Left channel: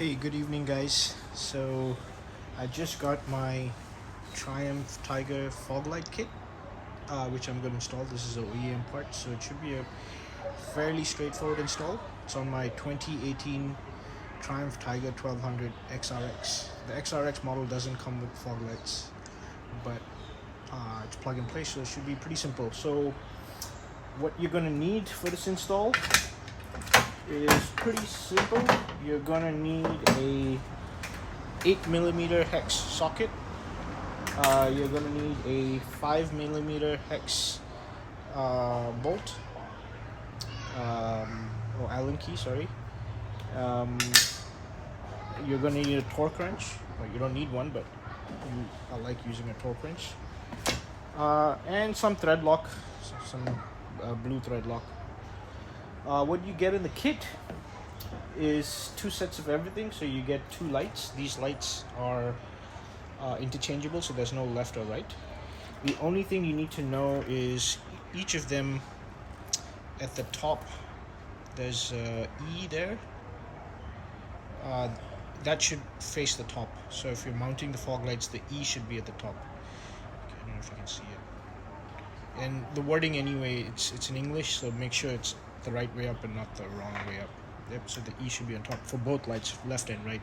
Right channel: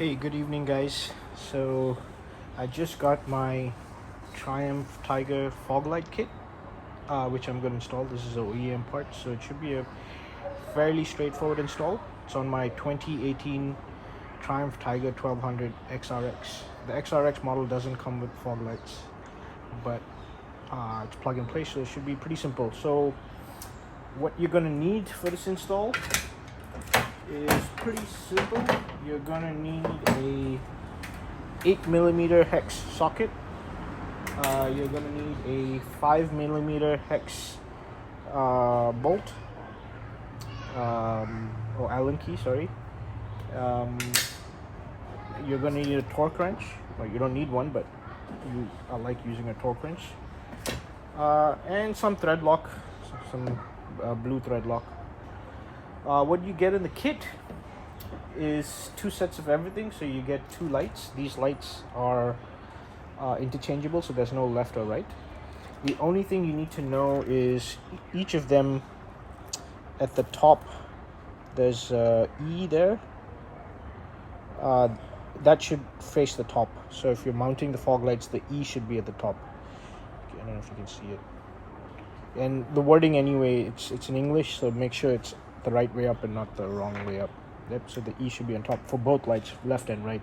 Hey, good evening, guys. So, I just got my Triumph Tiger fog light kit, which I'm going to install. This is a OEM part, so it should be a fairly straightforward install. It's on my 2018 Triumph Tiger 1200 XRX. The XRX model doesn't come with fog lights, but it's plug and play, so it should be pretty simple. So, what you're going to need for this install is pretty simple. You're gonna need a 8mm hex socket. You're gonna need a 5mm hex bolt, or Allen key, sorry. You're gonna need a torque wrench. Well, you don't need one, but I like using a torque wrench. And some thread lock, some blue thread lock. What you get in the kit is 2 sets of everything. So you get 2 lights. These lights are interchangeable, so there's no left or right. The only thing you need to know is each of them at the top, there's E there. That should face the top. So if you're mounting the fog lights, the E should be at the top. I don't know if you can see it. And the wording anyway, it's in English, so make sure it's the right way up and not the wrong way up. Yep, so the E should be on top for both lights, left and right.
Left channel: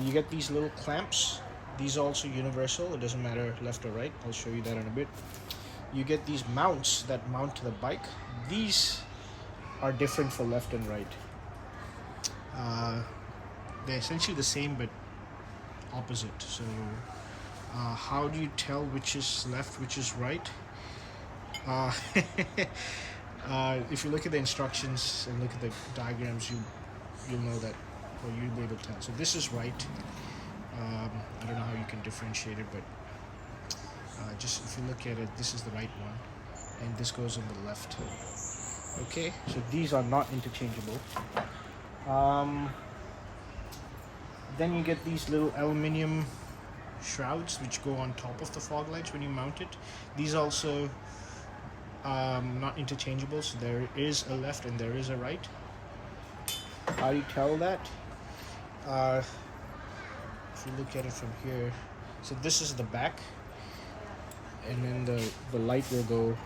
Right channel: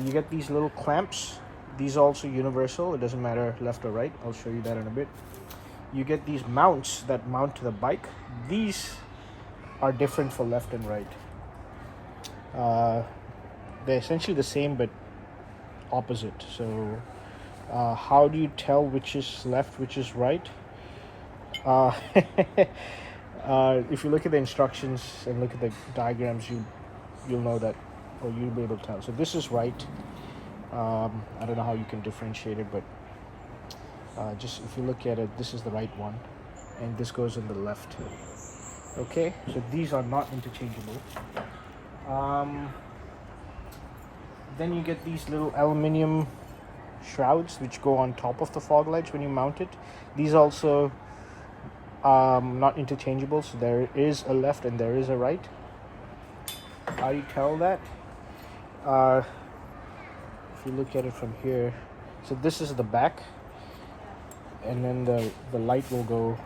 You get these little clamps. These are also universal. It doesn't matter left or right. I'll show you that in a bit. You get these mounts that mount to the bike. These are different for left and right. They're essentially the same but opposite. So how do you tell which is left, which is right? If you look at the instructions and look at the diagrams, you'll know that, or you'll be able to tell. So this is right. I don't know how you can differentiate it, but just if you look at it, this is the right one, and this goes on the left. Okay, so these are not interchangeable. Then you get these little aluminium shrouds which go on top of the fog lights when you mount it. These also not interchangeable, so there is a left and there is a right. How do you tell that? If you look at it from here, so this is the back, and then the light will go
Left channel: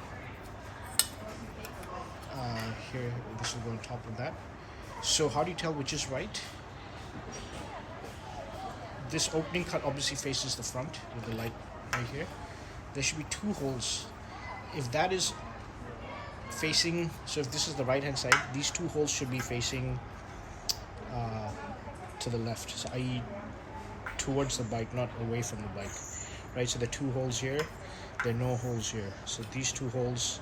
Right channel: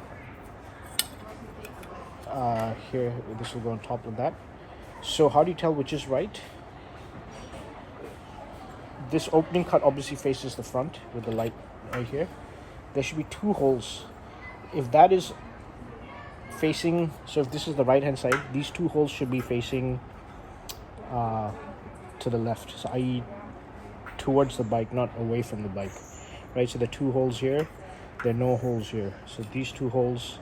here. This will go on top of that. So how do you tell which is right? This opening cut obviously faces the front with the light right here. There should be 2 holes. If that is facing, so if this is the right hand side, these 2 holes should be facing to the left, so i.e. towards the bike, not away from the bike, right? So the 2 holes here, there are no holes here, so these 2 holes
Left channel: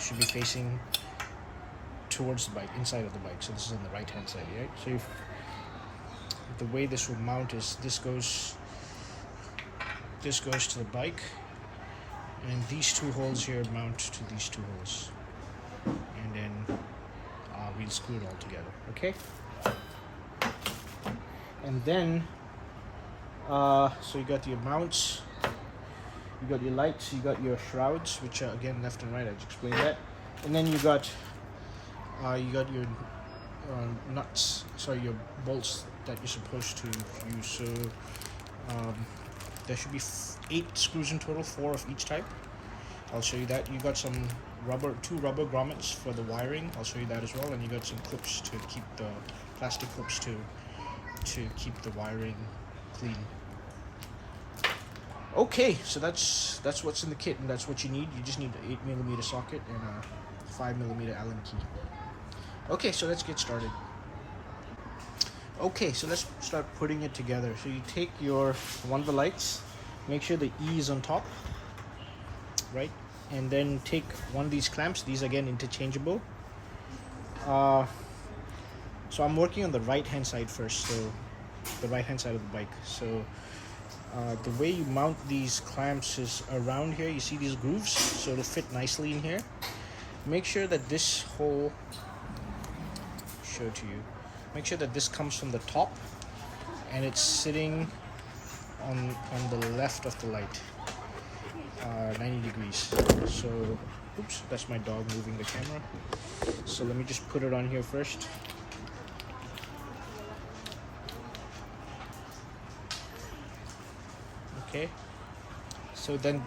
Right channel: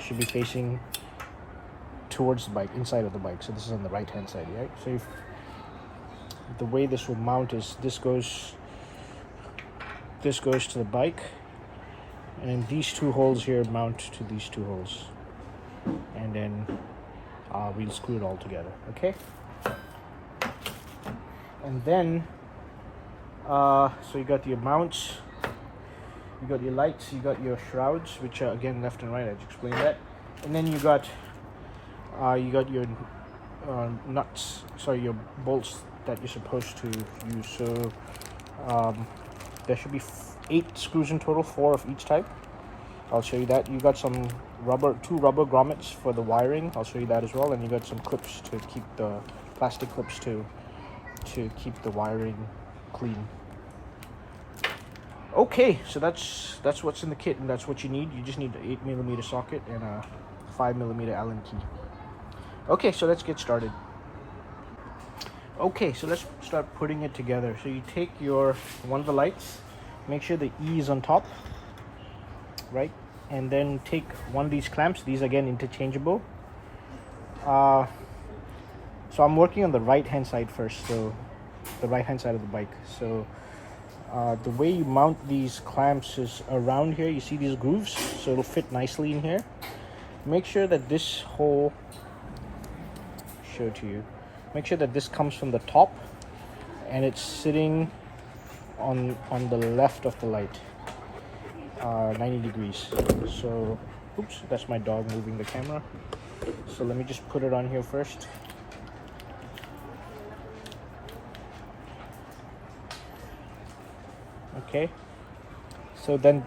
should be facing towards the bike, inside of the bike. So this is on the right hand side, right? So if the way this will mount is this goes to the bike, and these 2 holes here mount to these 2 holes, and then we'll screw it all together. Okay, and then so you got your mounts, you got your lights, you got your shrouds, which are again left and right. I just explained that. And then you got your nuts, sorry, your bolts that you're supposed to use. So there should be 8 screws in total, 4 of each type. I'll show you that. You got some 2 rubber grommets for the wiring. I'll show you that as well. And you got some clips to keep the plastic clips to keep the wiring clean. Okay, so that's what's in the kit, and that's what you need. You just need the 8mm socket and a 5mm Allen key. Okay, so let's get started. Okay, so let's start putting it together. So you take one of the lights, make sure the E is on top, right? And then take one of these clamps. These again interchangeable. So I'm working on the right hand side first, so the right hand side of the bike. So the way you mount these clamps is around here. You see these grooves, so it'll fit nicely in here. Make sure that this hole, show it to you. Make sure that this comes from the top and it's sitting on the left of the light, 90 degrees. So, oops, that's my dog moving the camera. So let me just put it on here first. Okay, so then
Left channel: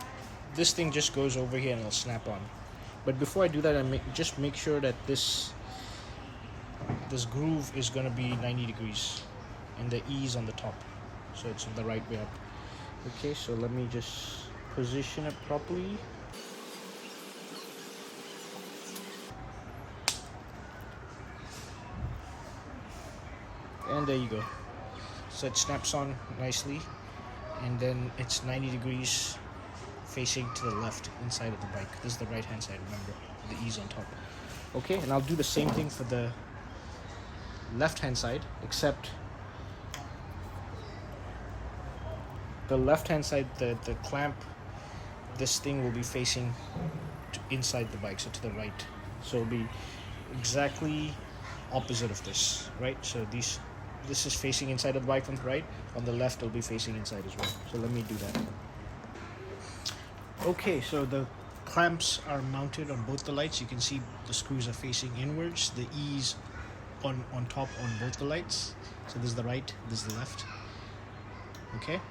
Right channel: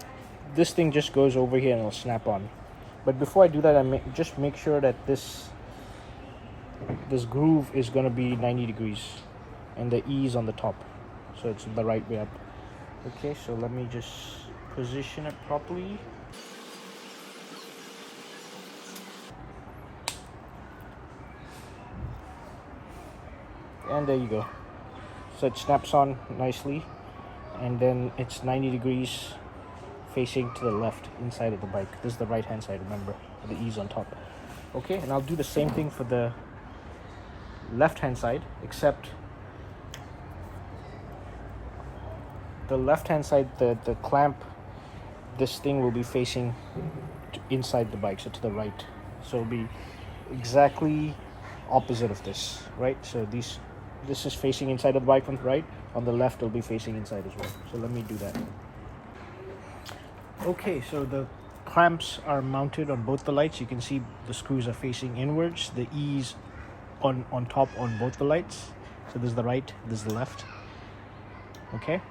this thing just goes over here and it'll snap on. But before I do that, just make sure that this groove is going to be 90 degrees and the E is on the top, so it's the right way up. Okay, so let me just position it properly. And there you go. So it snaps on nicely, and then it's 90 degrees facing to the left inside of the bike. This is the right hand side, remember, the E's on top. Okay, and I'll do the same thing for the left hand side, except the left hand side, the clamp, this thing will be facing inside the bike, so to the right. So it'll be exactly opposite of this, right? So this is facing inside of the bike on the right. On the left, it'll be facing inside as well. So let me do that. Okay, so the clamps are mounted on both the lights. You can see the screws are facing inwards. The E's on top on both the lights. So this is the right, this is the left. Okay.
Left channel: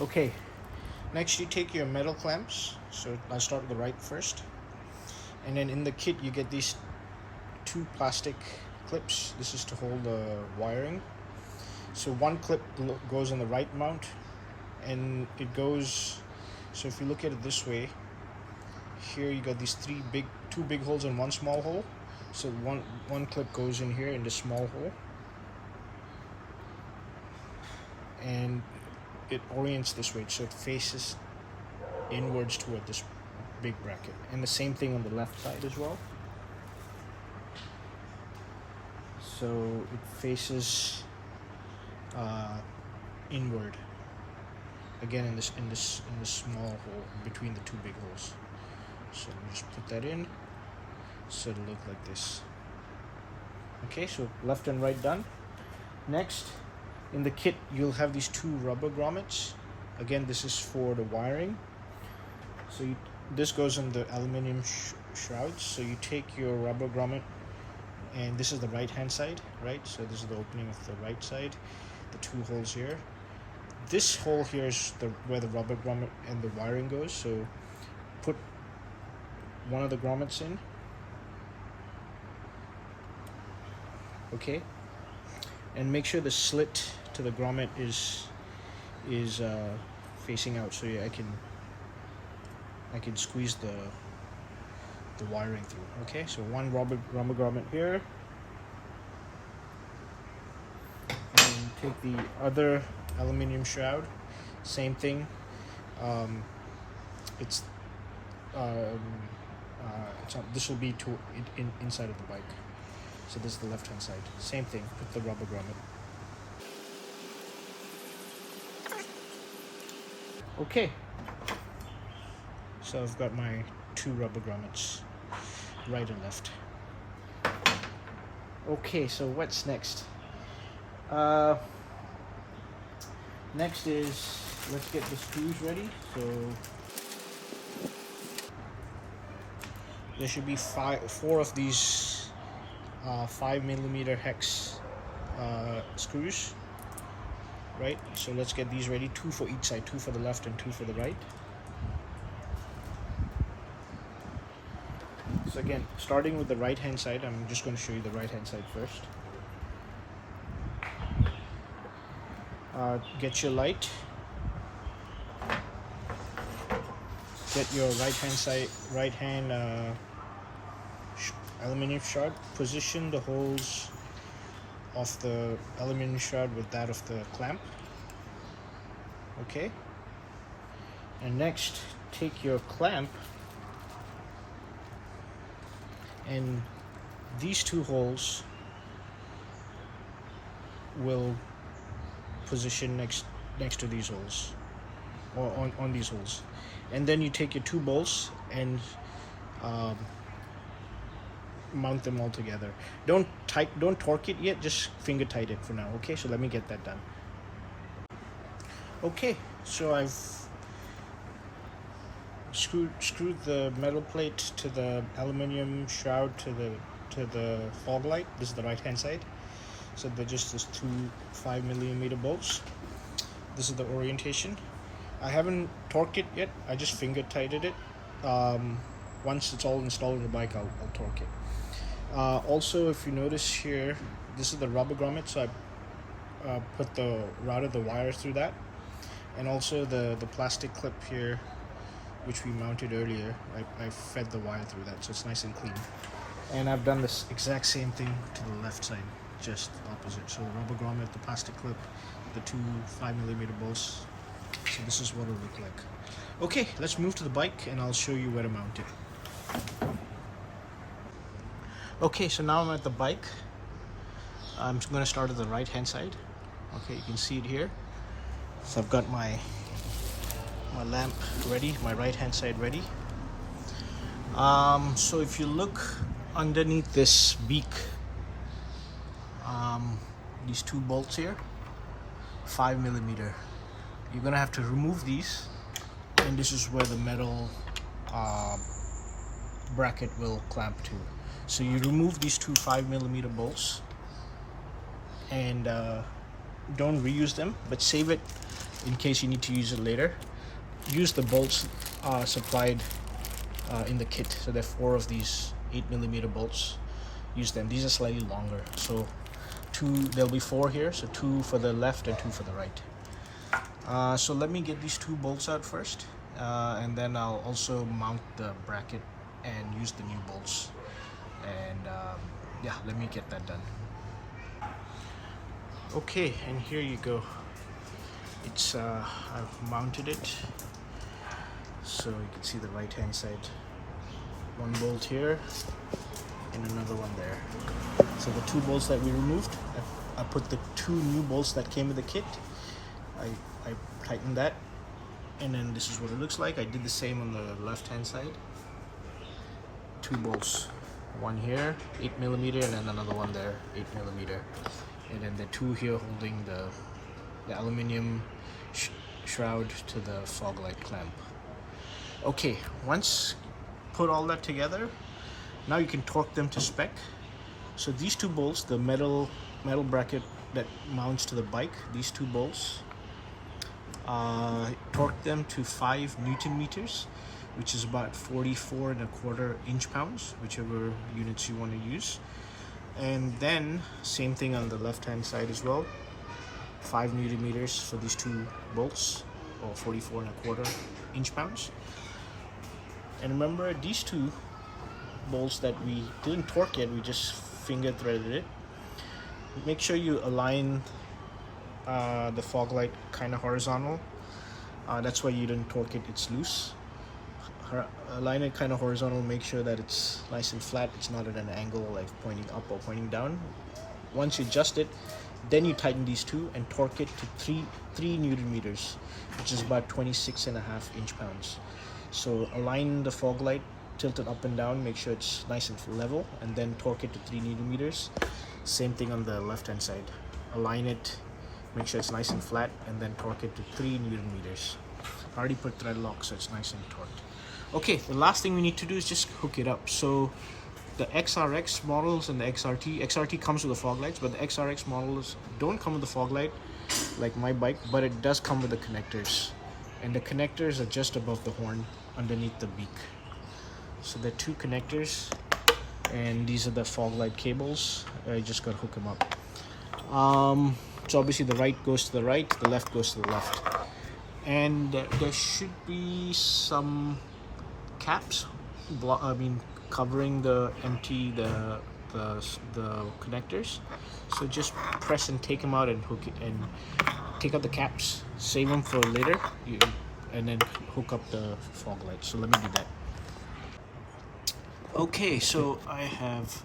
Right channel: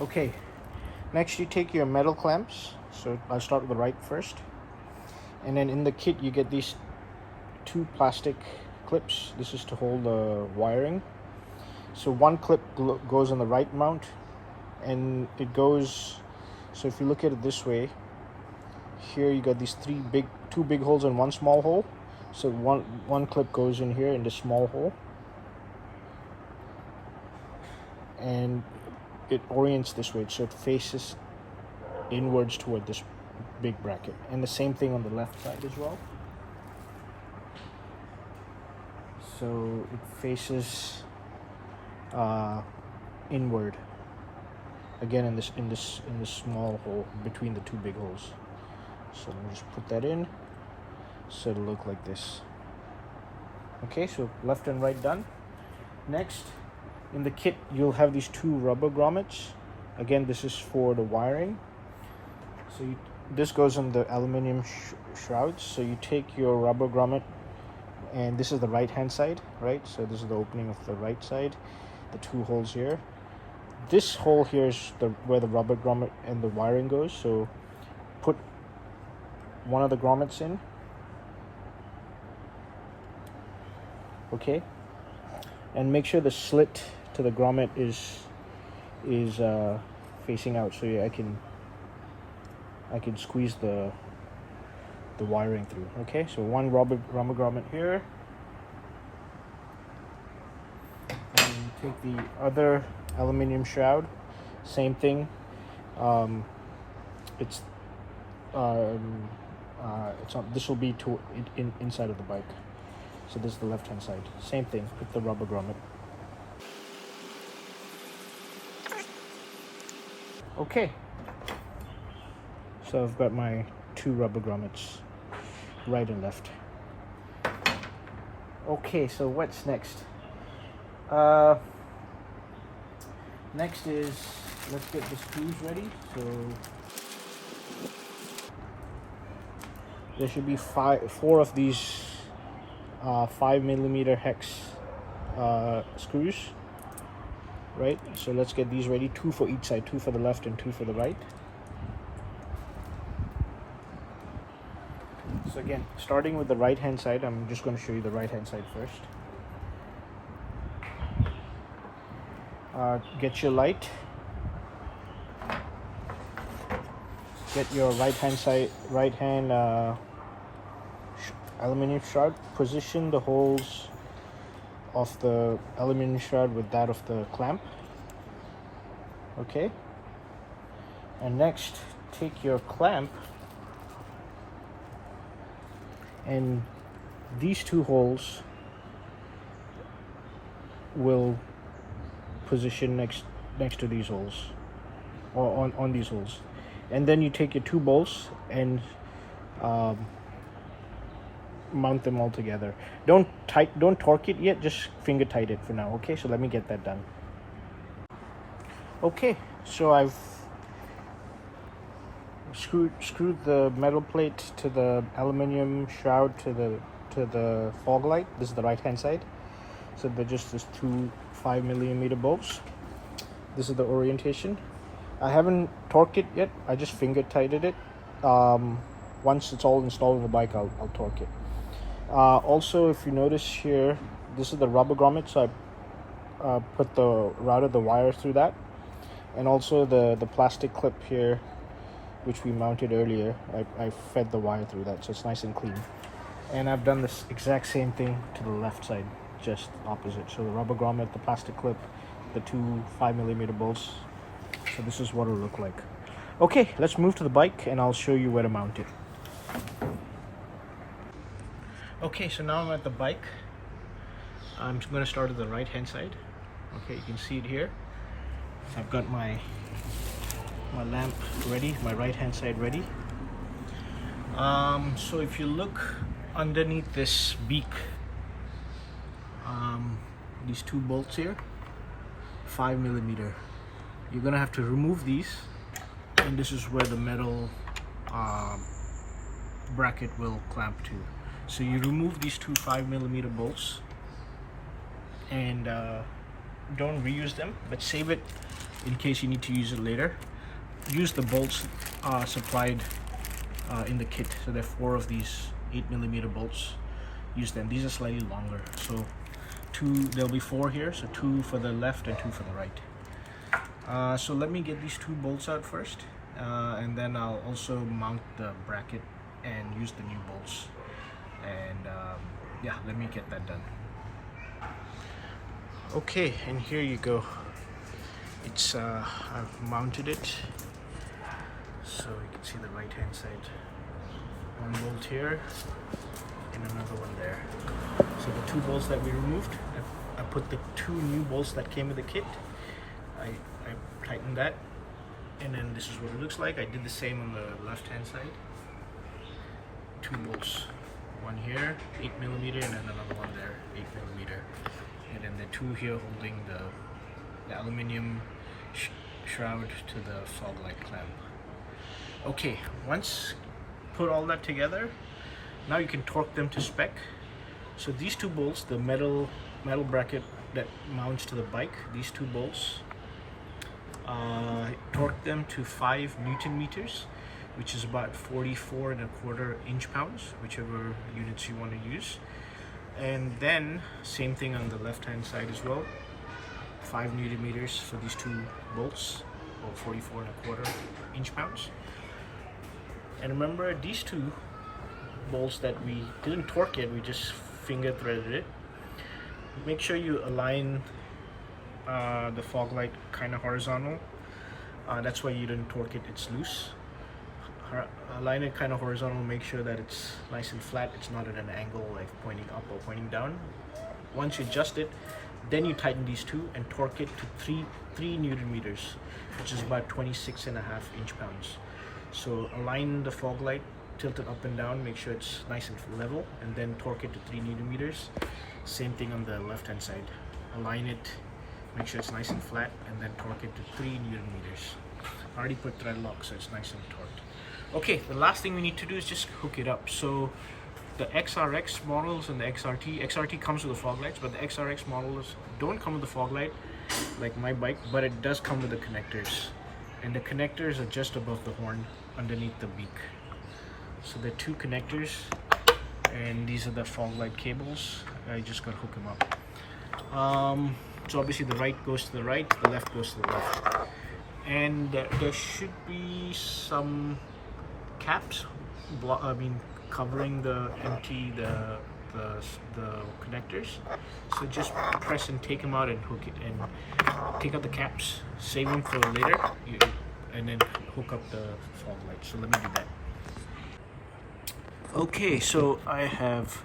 Okay. Next, you take your metal clamps. So I'll start with the right first. And then in the kit, you get these 2 plastic clips. This is to hold the wiring. So one clip goes on the right mount, and it goes, so if you look at it this way, here you got these 2 big holes and 1 small hole. So one clip goes in here in the small hole, and it orients this way, so it faces inwards toward this big bracket. And the same thing on the left side as well. So it faces inward again in this small hole between the 2 big holes. So let me just put that in, so it'll look like this. Okay, so left and right done. Next, in the kit, you'll have these 2 rubber grommets. Again, this is for the wiring. So this goes on the aluminum shrouds. So you take your rubber grommet, and this is the right hand side, right? So this is the opening of the right side, the 2 holes here. This hole here is where the rubber grommet and the wiring goes. So put one of the grommets in. Okay, and make sure the slit to the grommet is facing out, so yeah, I can squeeze the wiring through. Okay, so one rubber grommet here, and take the other aluminum shroud, same thing. It's this will be inside of the bike. So this is the left hand side. Same thing with the rubber grommet. Okay. So I've got my 2 rubber grommets, right and left. Okay, so what's next? Next is, let's get the screws ready. So there should be 4 of these 5mm hex screws, right? So let's get these ready, 2 for each side, 2 for the left and 2 for the right. So again, starting with the right hand side, I'm just going to show you the right hand side first. Get your light, get your right hand aluminum shroud, position the holes of the aluminum shroud with that of the clamp. Okay, and next take your clamp, and these 2 holes will position next to these holes, or on these holes. And then you take your 2 bolts and mount them all together. Don't torque it yet, just finger tight it for now. Okay, so let me get that done. Okay, so I've screwed the metal plate to the aluminum shroud to the fog light. This is the right hand side. So they're just these 2 5mm bolts. This is the orientation. I haven't torqued it yet. I just finger tightened it. Once it's all installed in the bike, I'll torque it. Also, if you notice here, this is the rubber grommet, so I routed the wire through that, and also the plastic clip here, which we mounted earlier. I fed the wire through that, so it's nice and clean. And I've done this exact same thing to the left side, just opposite. So the rubber grommet, the plastic clip, the two 5mm bolts. So this is what it'll look like. Okay, let's move to the bike and I'll show you where to mount it. Okay, so now I'm at the bike. I'm going to start at the right hand side. Okay, you can see it here. So I've got my lamp ready, my right hand side ready. So if you look underneath this beak, these two bolts here, 5mm. You're gonna have to remove these, and this is where the metal bracket will clamp to. So you remove these two 5mm bolts, and don't reuse them, but save it in case you need to use it later. Use the bolts supplied in the kit. So there are 4 of these 8mm bolts. Use them. These are slightly longer, so there'll be 4 here, so 2 for the left and 2 for the right. So let me get these 2 bolts out first, and then I'll also mount the bracket and use the new bolts. And yeah, let me get that done. Okay, and here you go. It's I've mounted it, so you can see the right hand side. 1 bolt here and another one there. So the 2 bolts that we removed, I put the 2 new bolts that came with the kit. I tightened that, and then this is what it looks like. I did the same on the left hand side. 2 bolts, 1 here, 8mm, and then another one there, 8mm, and then the 2 here holding the aluminium shroud to the fog light clamp. Okay, once put all that together, now you can torque them to spec. So these 2 bolts, the metal bracket that mounts to the bike, these 2 bolts, torque them to 5 Nm, which is about 44¼ inch-pounds, whichever units you want to use. And then same thing on the left hand side as well, 5 Nm for these 2 bolts, or 44¼ inch-pounds. And remember, these 2 bolts that we didn't torque it, we just finger threaded it. Make sure you align the fog light kind of horizontal. That's why you didn't torque it, it's loose. Align it kind of horizontal, make sure that it's nice and flat, it's not at an angle like pointing up or pointing down. Once you adjust it, then you tighten these 2 and torque it to 3 Nm, which is about 26½ inch-pounds. So align the fog light, tilt it up and down, make sure it's nice and level, and then torque it to 3 Nm. Same thing on the left hand side. Align it, make sure it's nice and flat, and then torque it to 3 Nm. I already put thread lock, so it's nice and torqued. Okay, the last thing we need to do is just hook it up. So the XRX models and the XRT comes with the fog lights, but the XRX models don't come with the fog light like my bike, but it does come with the connectors. And the connectors are just above the horn underneath the beak. So there are 2 connectors, and these are the fog light cables. I just got to hook them up. So obviously the right goes to the right, the left goes to the left. And there should be some caps covering the connectors. So just press and take them out and hook it, and take out the caps, save them for later, and then hook up the fog light. So let me do that. Okay, so I have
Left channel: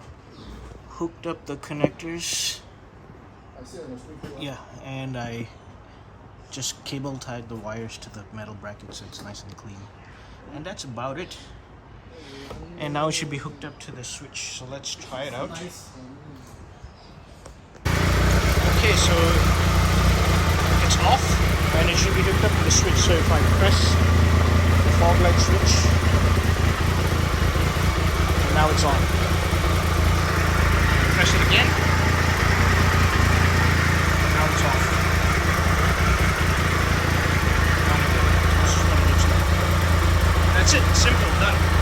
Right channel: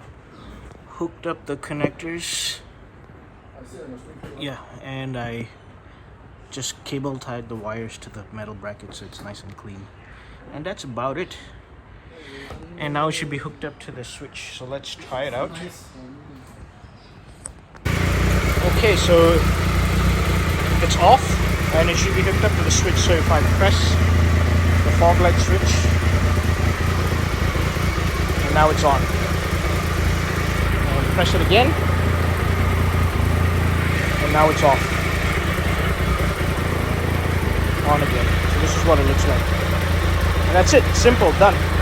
hooked up the connectors. Yeah, and I just cable tied the wires to the metal bracket so it's nice and clean. And that's about it. And now it should be hooked up to the switch. So let's try it out. Okay, so it's off and it should be hooked up to the switch. So if I press the fog light switch, and now it's on. And press it again, and now it's off. one in each one. That's it. Simple. Done.